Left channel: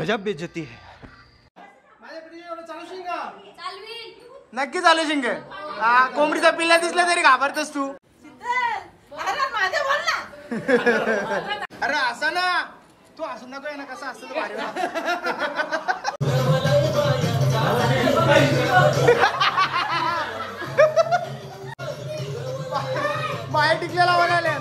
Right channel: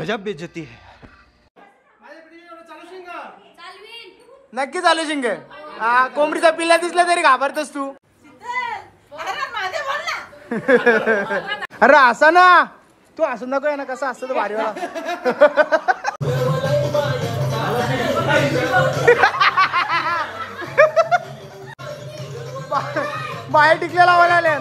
गजब बेइज्जती है। नक्की चालू शिंगे. कोंबडीचा पिल्ला दिसला तरी घाबरतस तू. अरे असा ना तू असं नको आहे ना. कसा असतो तो भारीवाला. बाहेर टिकलेला लावायला.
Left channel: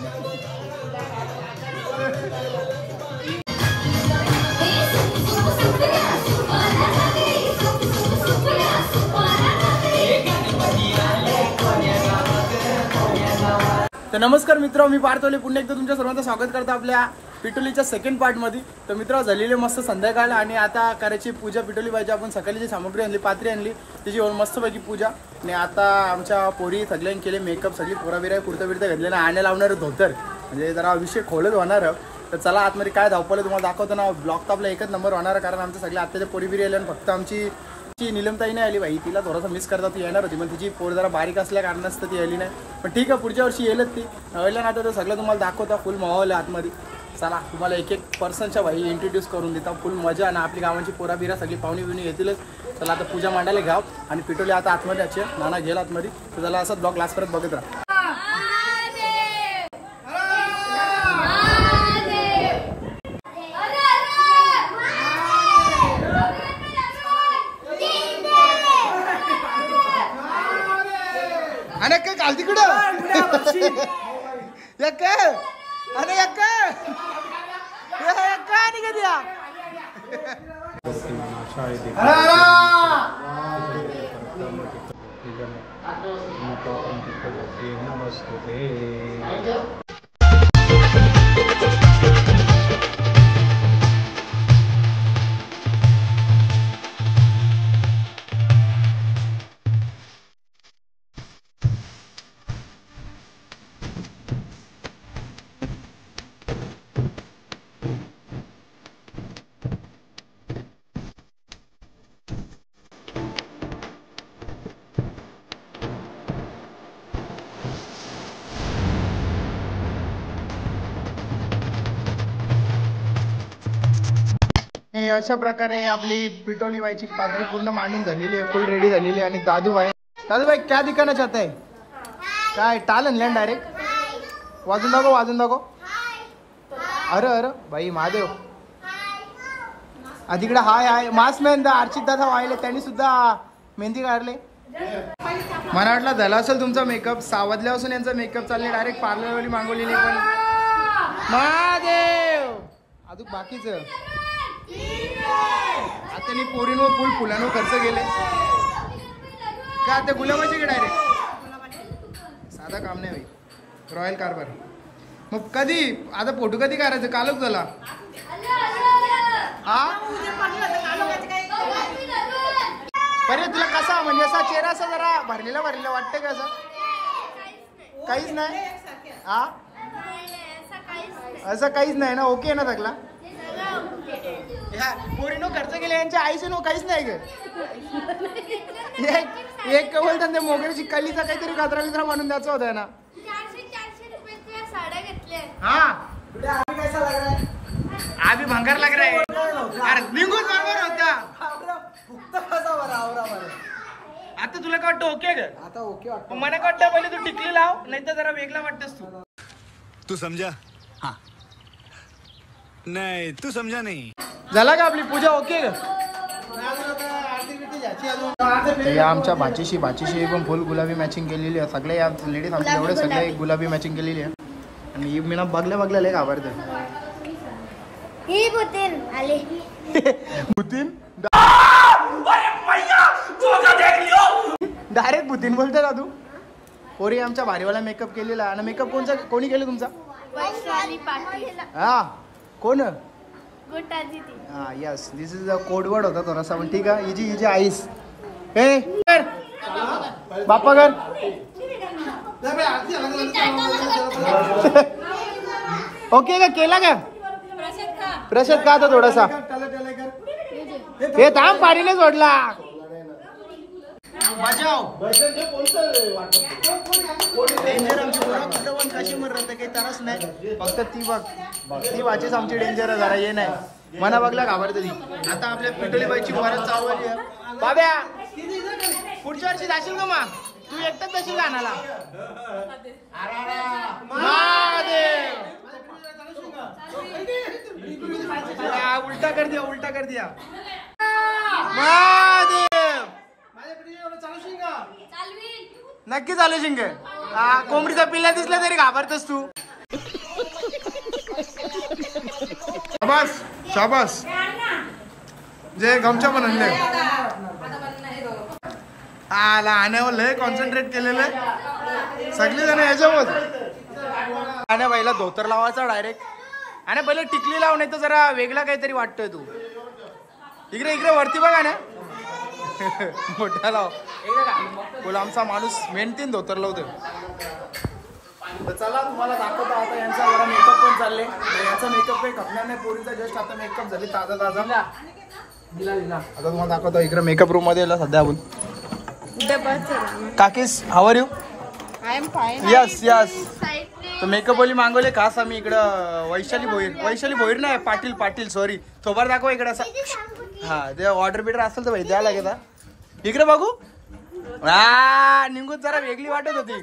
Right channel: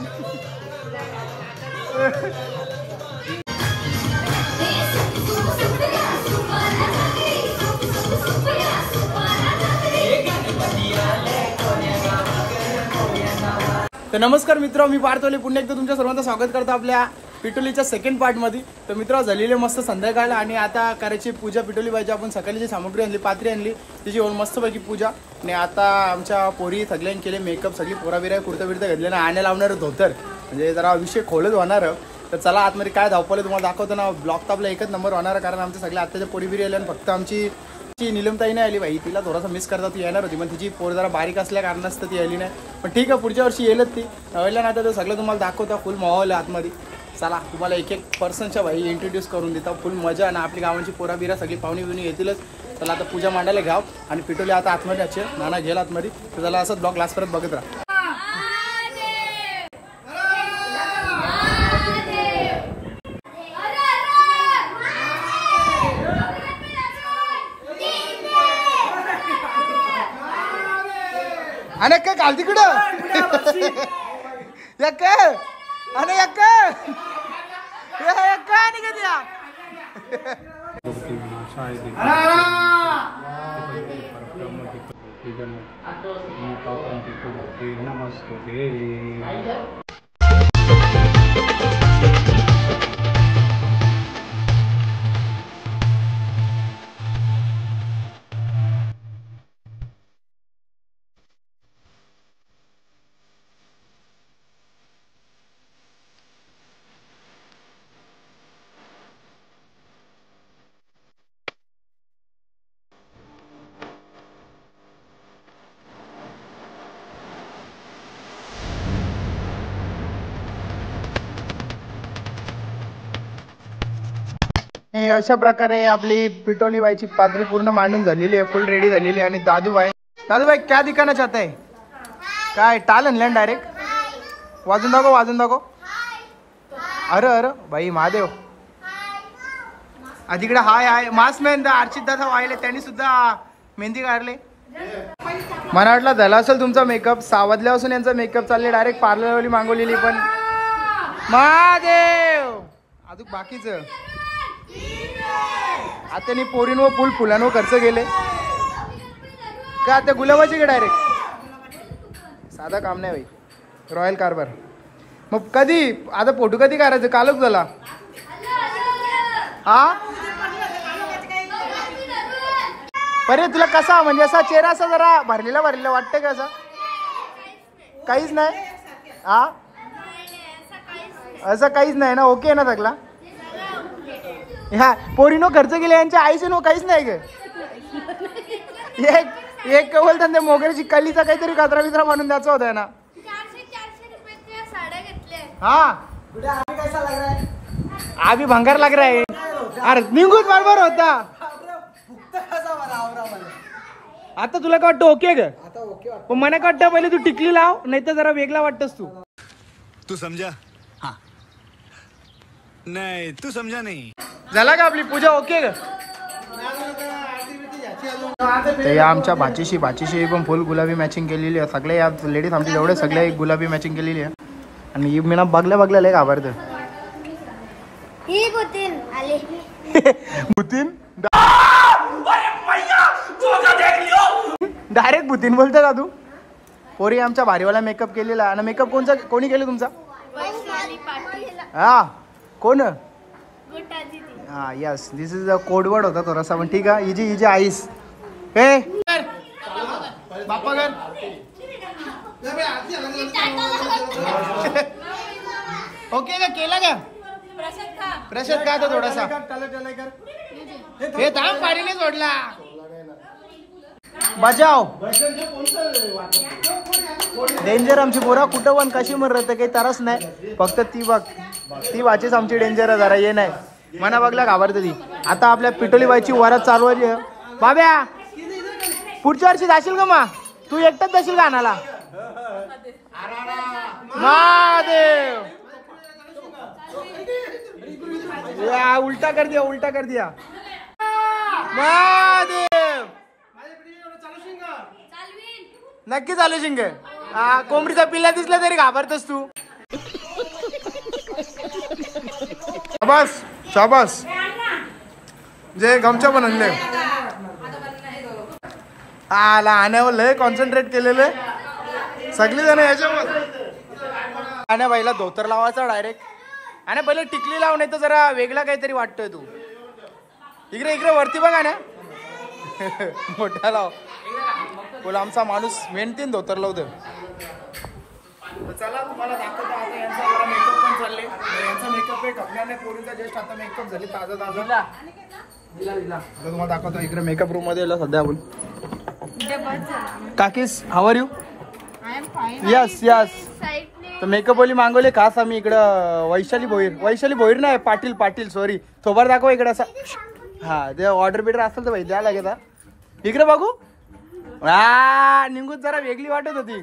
तर नमस्कार मित्र, मी पार्थोले पुन्हा एकदा तुमच्या सर्वांचं स्वागत करतो आपल्या पिटोलीच्या सेकंड पार्ट मध्ये. तर मित्र झालेले मस्त संध्याकाळ आणि आता करायची पूजा पिटोली पाहिजे. आपण सकाळी जी सामग्री आणली पात्री आणली त्याची मस्तपैकी पूजा. आणि आता आमच्या पोरी सगळ्यांनी केले मेकअप. सगळी पोरा बिरा कुर्ता बिर्ता घातले ना. आणे लावणार धोतर म्हणजे जरा विषय खोलच होणार. तर चला आतमध्ये काय धावपलं तुम्हाला दाखवतो ना. ब्लॉग तर आपला एकच नंबर होणार कारण आमच्या सगळ्या आत्ताच्या पोरी बिरी आल्या. फक्त आमची नीलमताई नाही आली भाई. तिला थोडासा मिस करता ती येणार होती पण तिची पोर जरा बारीक असल्या कारणास्तव ती आली नाही. पण ठीक आहे पुढच्या वर्षी येईलच ती. नवल्या ना तर सगळं तुम्हाला दाखवता. फुल माहोल आहे आतमध्ये. चला तुम्हाला एक एक पर्सनच्या भाई इंट्रोड्यूस करून देता. फुल मजा आणि आपली गावांची पोरा बिरा सगळी पाहुणी बिवणी येतीलच. चला आता पूजा मांडायला घ्याव आणि पिटोली आता आतमध्ये याचे नाना गेल आतमध्ये. तर त्याला असं ब्लॉग लास्ट परत बघत राहा. आणि काय काल तिकडं आणि अशा प्रकारे आपली पिटोली बाईची पात्री पूर्ण मांडून झालेली आहे. फुल रेडी झालेली आहे. आणि दादूबाई क्या दिखाना चाहता है. काय टाल आणलं डायरेक्ट. वाजून दाखव. अरे भाई महादेव तिकडे हाय मास्क मॅन अर्चित दादा वाहिले त्यांनी सुद्धा मेहंदी काढले. मला वाटलं झाला असेल तुमचा मेकअप. 6 वाजल्यापासून यांचा मेकअप चालले. डायरेक्ट पार्लरवाली मागवलेली पण महादेव अजून बाकीच आता पोरींवर फुलांवर खर्च गेले का. आता गुलाबाचे गे डायरेक्ट. साधा काम नाही भाई. रॉयल कारभार. मग कधी आता फोटो कधी करायचं. कालच झाला हा. बरे तुला कसा म्हणजे असा चेहरा असा जरा भरलेला वाटतं का. असं काहीच नाही हा. असं काहीच नाही ना. ओके ना सगळा. ह्या पोरीनो खर्च केले यांच्या आईचे नो काहीच नाही ग. एक बोलतात ते मोगऱ्याची कलीचा काहीतरी कचरा बिचरा म्हणून द्यायचा होता ना. 400 साड्या घेतल्या. हाँ अभी भंगार लग रहा है. अरे निघूच बरोबर होता. आता तुला काय वाटतं ओके ग. आता ओके वाटतं. मला काय वाटतं पहिले तू टिकली लाव नाही तर जरा वेगळा वाटतस तू समझा. हाँ नहीं तू समझा नहीं. झाला का आपली पूजा ओके ग. या आमच्या भाचीशी पण फुल गुलाबी मॅचिंग केलेली आहे. सगळे या लेडीज आमच्या एवढे सगळे गुलाबी मॅचिंग केलेली आहे. आणि ही मीना बघल्या लय घाबरत. ही बुतीन आली. बुतीन डायरेक्ट बुतीन बोलतो का तू. पोरी आमच्या भारीवाला मेकअप केलेला. आणि मेकअप कोणी केलं तुमचा. हा कोण. हा yes this is a code word होता थोडासा पण ठीक आहे. इजी आईस हे बाप्पा घर ओके का केला का. प्रसाद का आता थोडासा हे थांब पारीने जोडला. बचाव डेंजर आमची पोरा कुठं पण कशी मरत काही तरच नाही. फक्त ती बघ ती वाचीच आमची डेंजर जरा ये नाही. मना बघला घाबरते ती. आता आपल्या पिटोलीबाईची वरात चालू आहे. बाब्या पुढच्या वर्षी जाशील का मग? तू एकटाच जाशील का आणायला? महादेव उलटा कर दिया, उलटा कर दिया. महादेव नक्की चालू शिंग. कोंबडीचा पिल्ला दिसला तरी घाबरतस तू. शाबास शाबास. जे गमच्या पण आणले आण्यावर लय कॉन्सन्ट्रेट केलेलं सगळी जण याच्यावर. आण्या बाईला धोतर लावायचा डायरेक्ट. आणि पहिले टिकली लाव, नाही तर जरा वेगळा काहीतरी वाटतोय तू. इकडे इकडे वरती बघा ना. मोठा लाव बोला. आमचा माणूस मेहनतीन धोतर लावतो. चला तुम्हाला दाखवतो आता यांचा जरा मेकअप पण चालले. यांचा मेकअप काही खपणार नाही. पोरीचा जस्ट आता मेकअप झाली ताजा ताजा. आता तुम्हाला दाखवतो इकडे मेकअप रूम मध्ये सध्या आपण. काकीस how are you? Yes yes. तर मेकअप वाली मागवले खास आम्ही इकडं. वैशाली भोईर नाही, पाटील सॉरी. थोबार दाखवा इकडे असा. हा ते ऑर्डर बिडर असेल तर भाई द्या लागेल. इकडे बघू. निघून जरा वेगळी वाटत होती.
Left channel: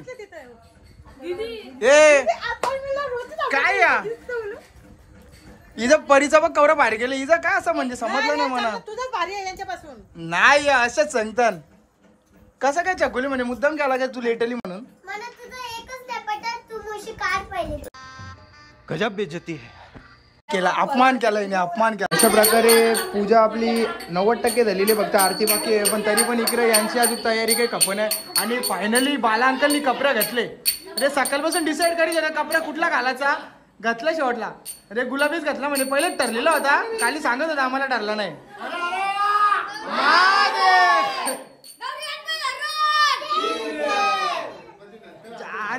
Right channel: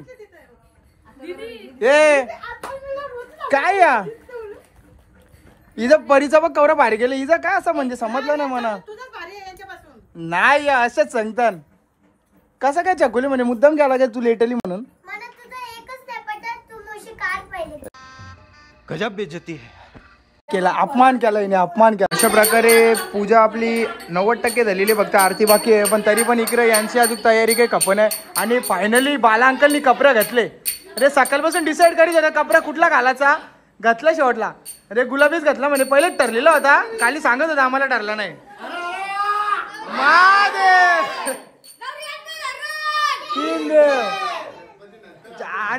ए काय या इथं परीचा बघ कवरा भारी गेलं. इथं काय असं म्हणजे समजलं ना मला. नाही असंच सांगतात. कसं काय चकुली म्हणजे मुद्दाम केला लागेल तू लेटली म्हणून. गजब बेइज्जती है. केला अपमान केला हिने, अपमान केला. अशा प्रकारे पूजा आपली 90% झालेली. फक्त आरती बाकी आहे. पण तरी पण इकडे यांची अजून तयारी काही खपन आहे. आणि फायनली बाला अंकलनी कपडे घातले. अरे सकाळपासून डिसाईड करी का कपडा कुठला घालायचा. घातला शेवटला. अरे गुलाबीच घातला म्हणजे पहिलेच ठरलेला होता. काली सांगत होता आम्हाला ठरला नाही.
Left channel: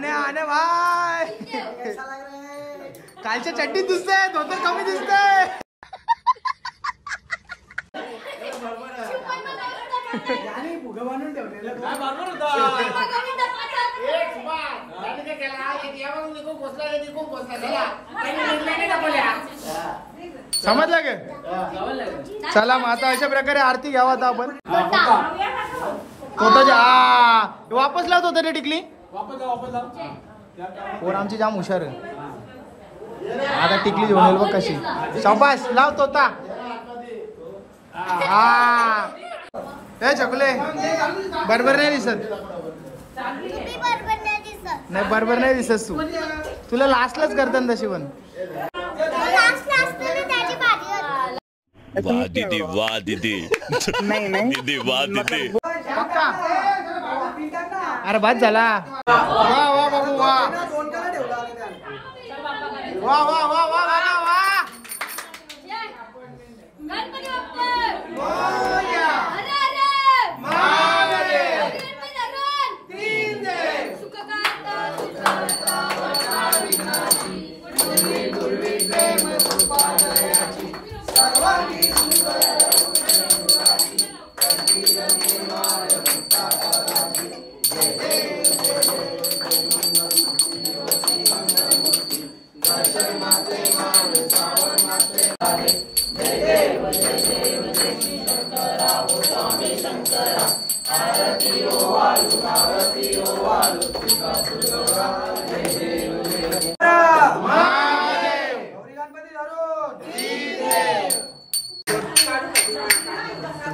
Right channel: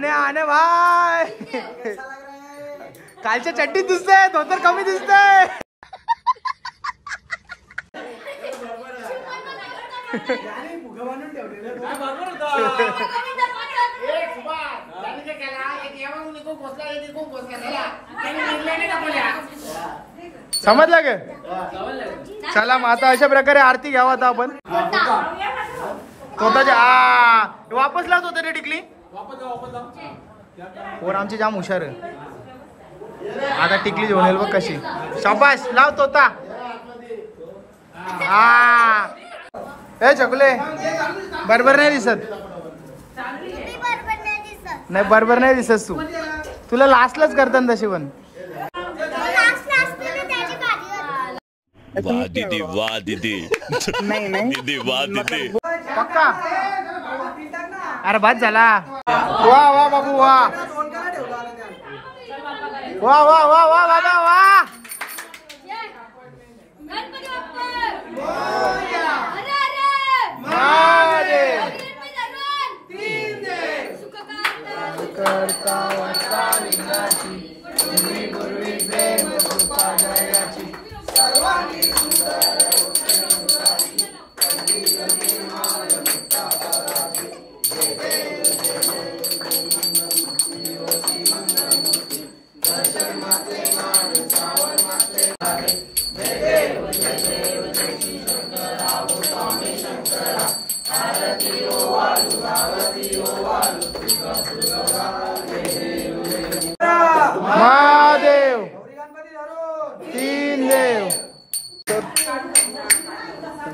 आने भाई कालच्या चड्डीत दिसतंय, धोतर कमी दिसतंय. समजलं गे. चला मग आता अशा प्रकारे आरती घ्यावा आता आपण. वापस लावतो तरी टिकली. पोर आमची जाम हुशार आहे. आता टिकली घेऊन येईल बघ कशी. शाबास लावतो ता. ए चकुले बरोबर नाही दिसत. नाही बरोबर नाही दिसत तू. तुला लास्टलाच करतात तशी पण. वाह दीदी वाह दीदी. नाही नाही दीदी वाह दीदी. पक्का. अरे बाद झाला. वा वा बाबू वा. वा वा वा वा बाबा वा.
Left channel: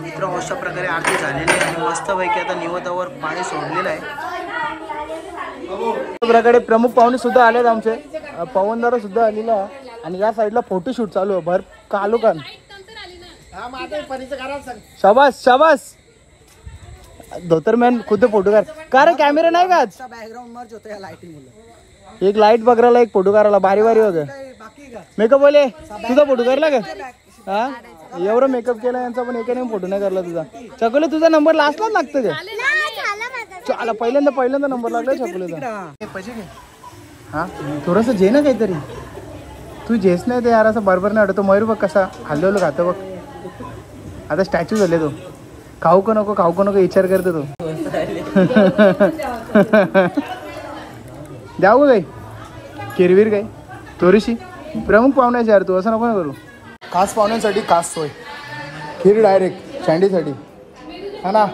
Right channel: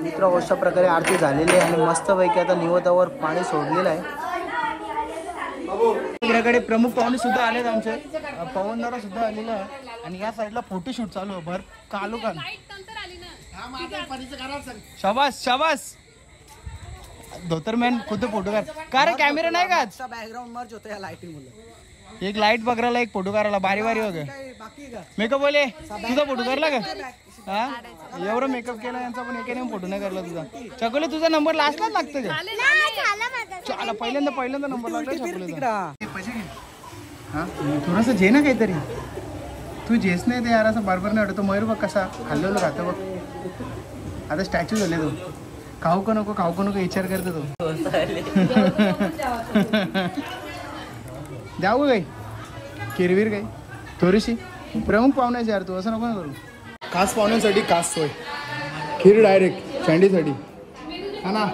मित्र अशा प्रकारे आरती झालेली आहे. आणि मस्तपैकी आता निवतावर पाणी सोडलेलं आहे. प्रकारे प्रमुख पाहुणे सुद्धा आलेत आमचे. पवनदार सुद्धा आलेला आहे. आणि या साईडला फोटोशूट चालू आहे. भर कालू का. शाबास शाबास. धोतर मॅन खुद फोटो का रे. कॅमेरा नाही का. बॅकग्राऊंड मर्ज होतं या लाईटिंग मुळे. एक लाईट बघायला एक फोटो करायला भारी भारी वगैरे. मेकअप बोले तुझा फोटो करला का. हा एवढं मेकअप केला यांचा पण एकाने फोटो नाही करला तुझा. चकुले तुझा नंबर लास्टलाच लागतो का. चला पहिल्यांदा नंबर लागला चकुलेचा. हा थोडस जे ना काहीतरी. तू जेस नाही ते यार असं बरोबर नाही वाटत. मयूर बघ कसा हल्लवलं खातं बघ. आता स्टॅच्यू झाले तो. खाऊ का नको विचार करतो तो. द्यावं काही किरवीर काही थोडीशी. प्रमुख पाहुण्याची यार तू असं नको ना करू. खास पाहुण्यांसाठी खास सोय, खीर डायरेक्ट सँडीसाठी हा ना.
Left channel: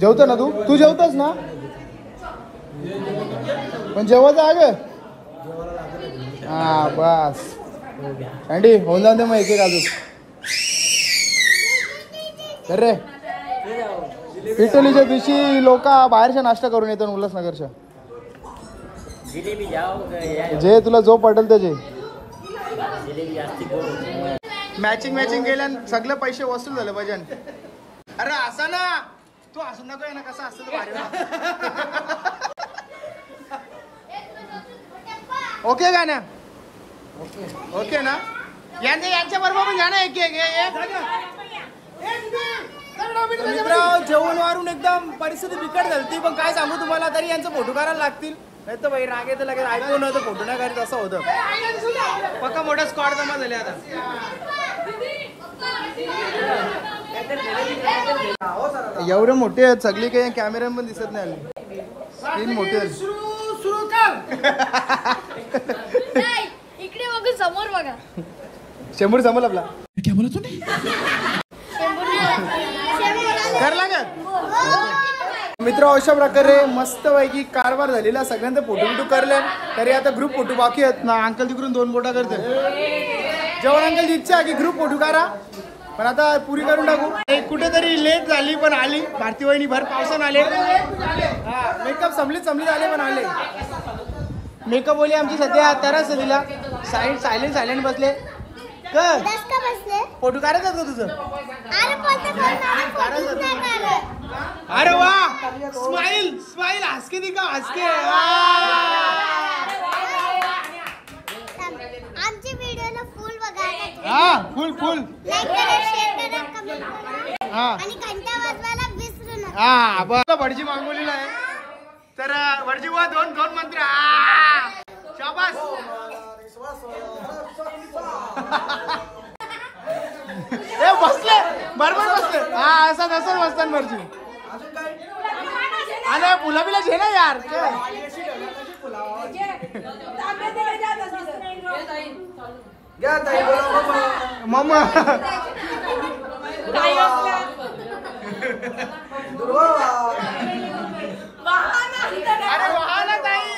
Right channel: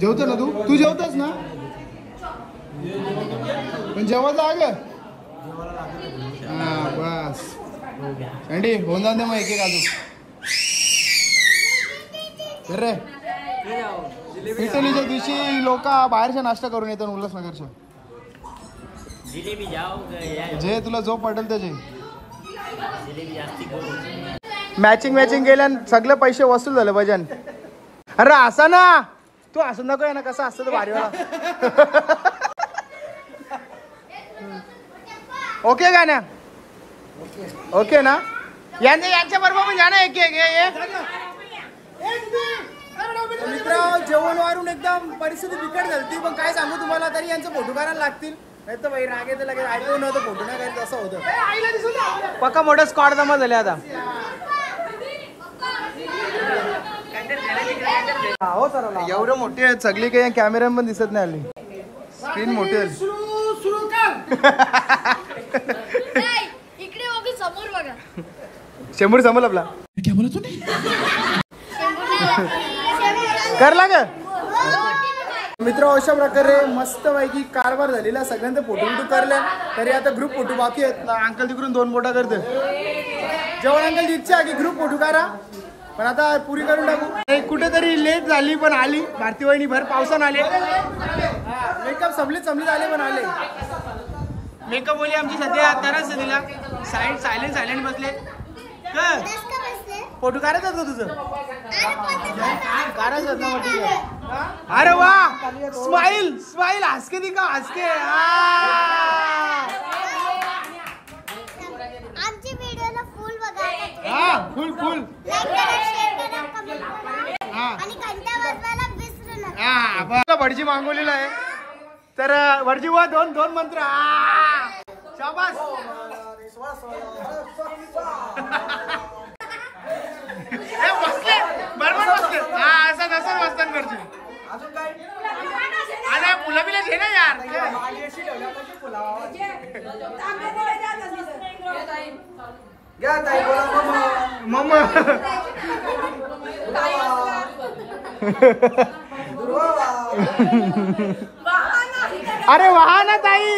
जेवतो ना तू जेवतोस ना, पण जेवायचं आग. हा बस सँडी होऊन जाते मग एक अजून. रे पिटलीच्या दिवशी लोक बाहेरच्या नाश्ता करून येतात उल्हासनगरच्या. जे तुला जो पटेल त्याचे मॅचिंग केल्यान सगळे पैसे वसूल झाले पाहिजे. अरे असा ना तू असं नको आहे ना, कसं असतं भारीवाला. ओके का ना, ओके ना. यांच्या बरोबर पण घ्या ना एक मित्र. जेवण वारून एकदम परिस्थिती बिकट झाली, पण काय सांगू तुम्हाला, तरी यांचं फोटो करायला लागतील. नाही तर बाई राग येते लगेच ऐकून नव्हतं फोटो नाही करायचं असं होतं. पक्का मोठं स्क्वॉड जमा झाले आता. एवढे मोठे आहेत सगळी, काही कॅमेरा पण दिसत नाही आली, स्क्रीन मोठी आहे. इकडे बघू, समोर बघा. शेंबूर समोर आपला क्या बोला तूने करला का मित्र. अशा प्रकारे मस्त पैकी कारभार झालेला, सगळ्यांचा फोटो करल्या. तरी आता ग्रुप फोटो बाकी आहेत ना. अंकल तिकडून 2 बोटा करते जेवण. अंकलची इच्छा आहे की ग्रुप फोटो करा, पण आता पुरी करून टाकू. कुठेतरी लेट झाली पण आली. भारती वहिनी भर पावसानं आले. हा मेकअप समलीत आले पण आले. मेकअप बोली आमची सध्या तरच दिला. सायलेंट बसले. फोटो काढायचा होता तुझं, काढायचं. अरे वा, स्माइल हसके दिखा, हसके. आमची व्हिडिओला फुल बघा. हा फुल लाईक करा, शेअर करा, कमेंट करा हा आणि घंटा वाजवायला विसरू नका. हा बघ भटजी मागवलेला आहे. तर भटजी वा दोन मंत्र. शाबास. बसले बरोबर बसले. हा असं बसतात भटजी. अरे फुला बिला घे ना यार. मम्मा अरे वाह ना ताई.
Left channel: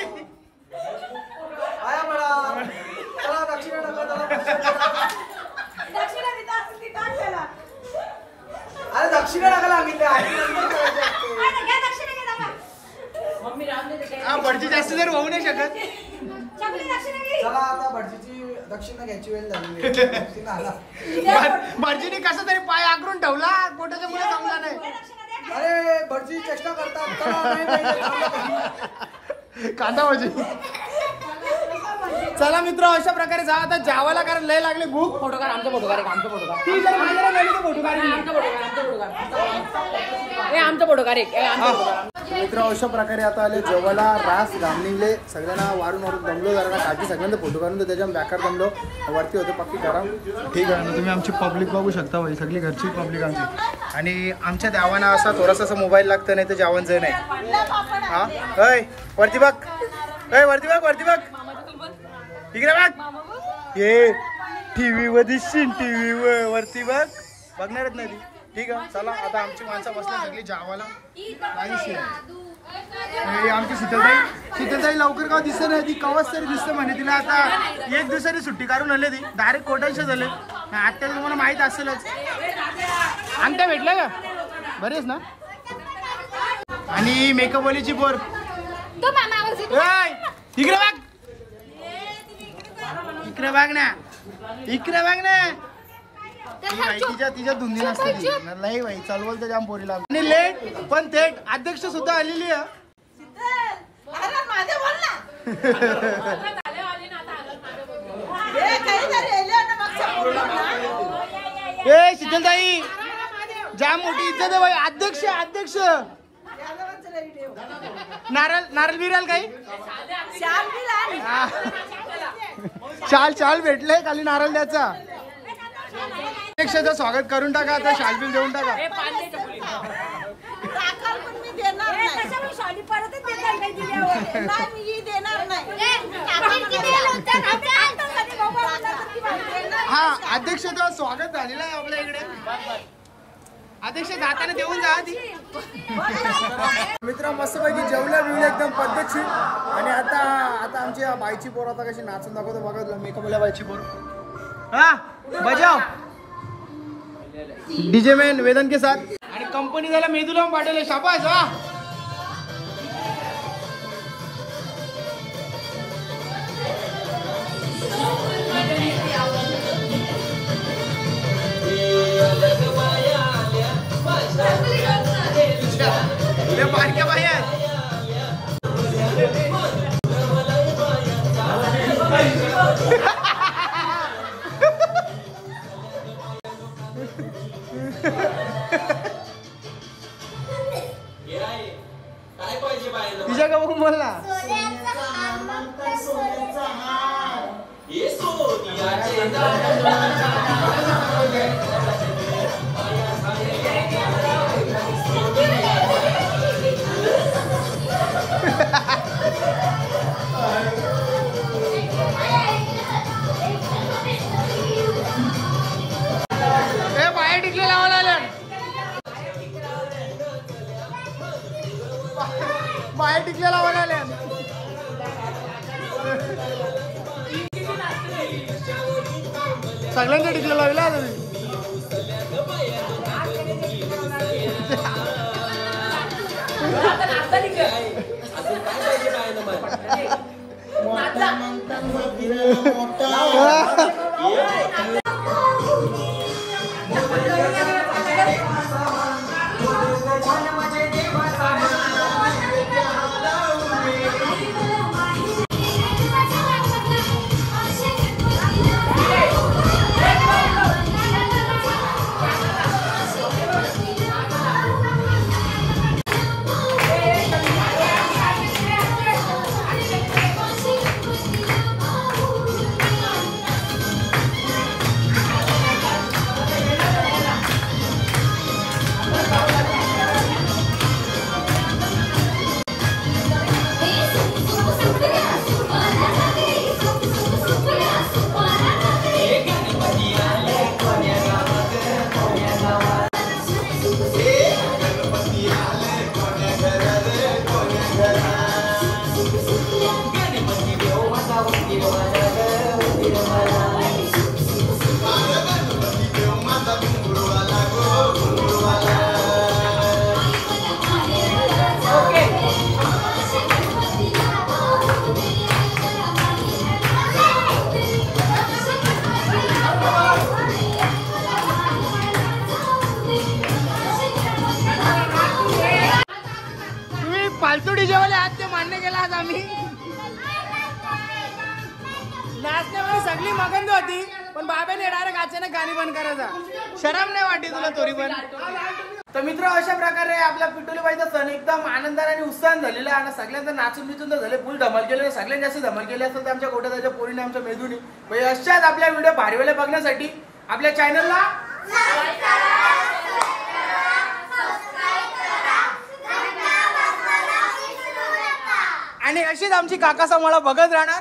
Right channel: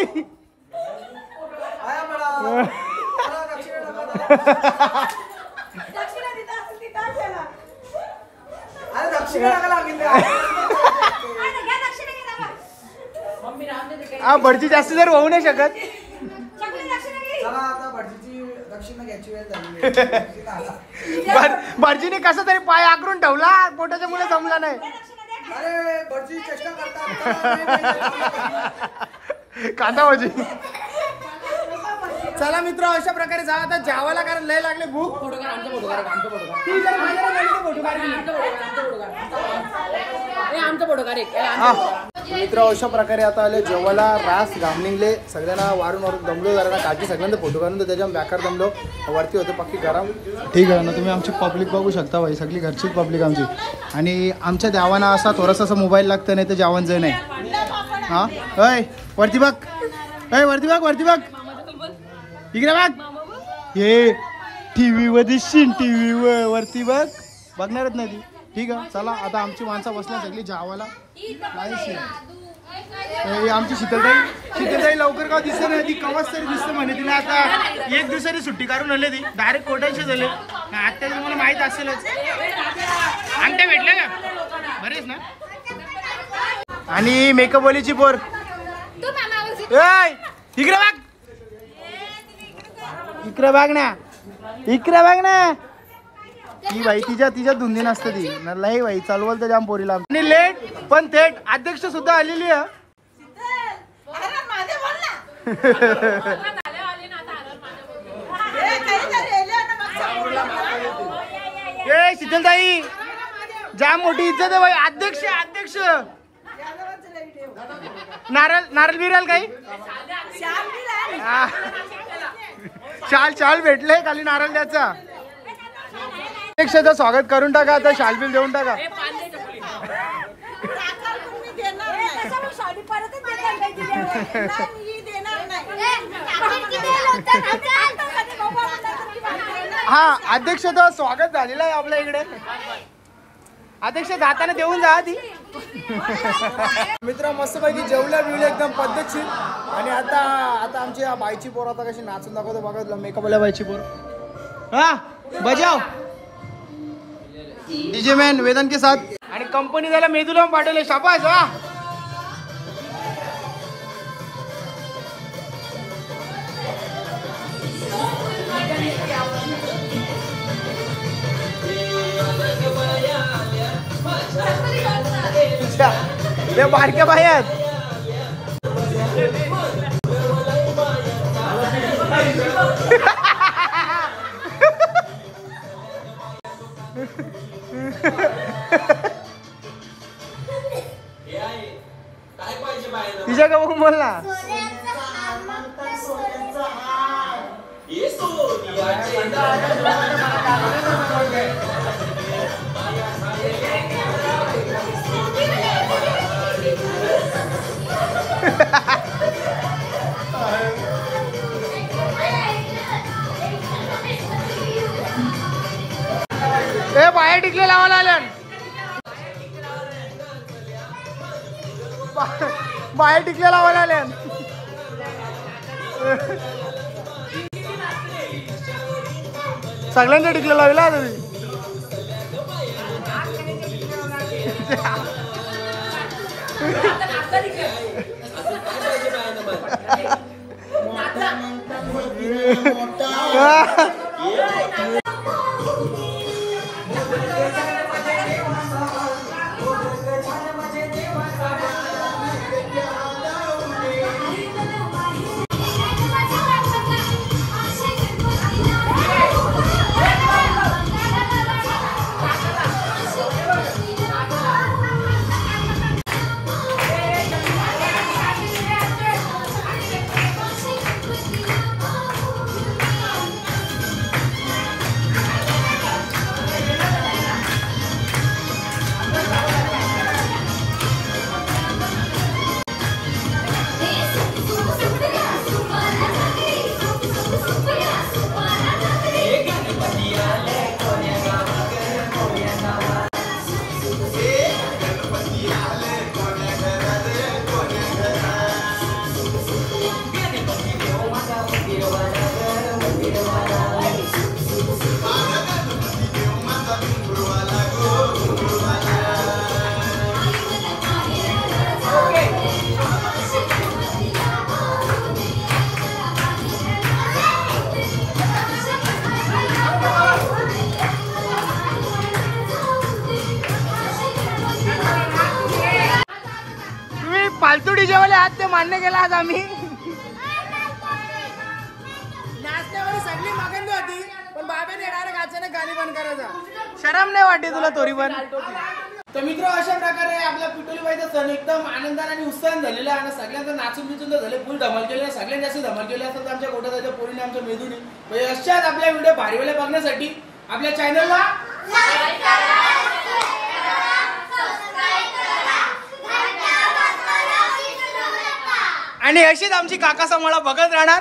हा भटजी जास्त जर होऊ नाही शकत. भटजीने कसा तरी पाय आकरून ठेवला, पोटाच्या मुळे जमला नाही. अरे भटजी चेष्टा करतात. कांदा भजी. चला मित्र अशा प्रकारे जा आता जेवायला, कारण लय लागले भूक. फोटो काढ, आमचा फोटो काढ, आमचा फोटो काढ. ती जर माझ्याला गेली तर फोटो काढ, आमचा फोटो काढ. मित्र अशा प्रकारे आता आले जेवायला. रास घामनिंगले सगळ्यांना वारून दमलो जरा. काठी सगळ्यांना फोटो काढून तर त्याच्या बॅकर दमलो. वरती होतं पक्की गरम. ठीक आहे ना, तुम्ही आमची पब्लिक बघू शकता भाई, सगळी घरची पब्लिक आमची. आणि आमच्या देवांना असा थोडासा असा मोबाईल लागतं, नाही तर जेवण जाय नाही. हा वरती बघ, वरती बघ इकडे बघ. हे टीव्ही वर दिसशील, टीव्ही वरती बघणारच नाही ती. ठीक आहे चला आता आमची माणसं बसल्या सगळी जेवायला. आमची शीतलताई लवकर का दिसत नाही. ती कवच तरी दिसतं म्हणे. तिला आता 1 दिवसाची सुट्टी काढून आले. ती डायरेक्ट कोटायचे झाले. आता तुम्हाला माहित असेलच. अंगठ्या भेटल्या का बरेच ना. आणि मेकअपवालीची पोर इकडे बघ ना. ती बाई तिच्या धुंदी नसते ती. नाही बाई चालवल तर जाम पोरीला. आणि लेट पण थेट अध्यक्ष सुद्धा आलेली आहे. ए शीतलताई जाम मोठी इज्जत आहे बाई. अध्यक्ष नारळ बिराल काही शाल भेटले खाली नारळ द्याचा. अध्यक्षाचं स्वागत करून टाका आता. शाल बिल देऊन टाका. हा अध्यक्ष तो स्वागत झालेलं आहे आपल्या इकडे. अध्यक्ष जाताना देऊन जा ती. मित्र मस्तपैकी जेवल्या बिवल्या एकदम पद्धतशीर. आणि आता आता आमची बाईची पोर आता कशी नाचून दाखवतो बघा. मेकअपवाल्या बाईची पोर. हा बजाव डीजे मॅन वेदन के साथ. आणि कंपनी झाला मेदूला पाठवले शाबास. हा ते बारक्या बाई आहेत. तिच्या का बघून बोल ना. ए बाहेर टिकले लावायला आल्या. बाहेर टिकले लावायला आल्या. सगळ्यांच्या टिकले लावला तुम्ही. फालतू डीजे वाले आज ते मान्य केला. आज आम्ही नाचण्यामध्ये सगळी मगन होती पण बाबाने डायरेक्ट अचानक गाणी बंद करायचा. शरम नाही वाटते तुला तोरी पण. तर मित्र अशा प्रकारे आपला पिटोलीबाईचा सण एकदम आनंदाने आणि उत्साहाने झालेला आहे. आणि सगळ्यांचा नाचून बिचून तर झाले. फुल धमाल केले. सगळ्यांनी जास्त धमाल केली असेल तर आमच्या कोटाच्या पोरीने आमच्या मेदूनी. म्हणजे अशाच आपल्या व्हिडिओ भारीवाले बघण्यासाठी आपल्या चॅनलला आणि अशीच आमची काका समाळा बघत राहणार.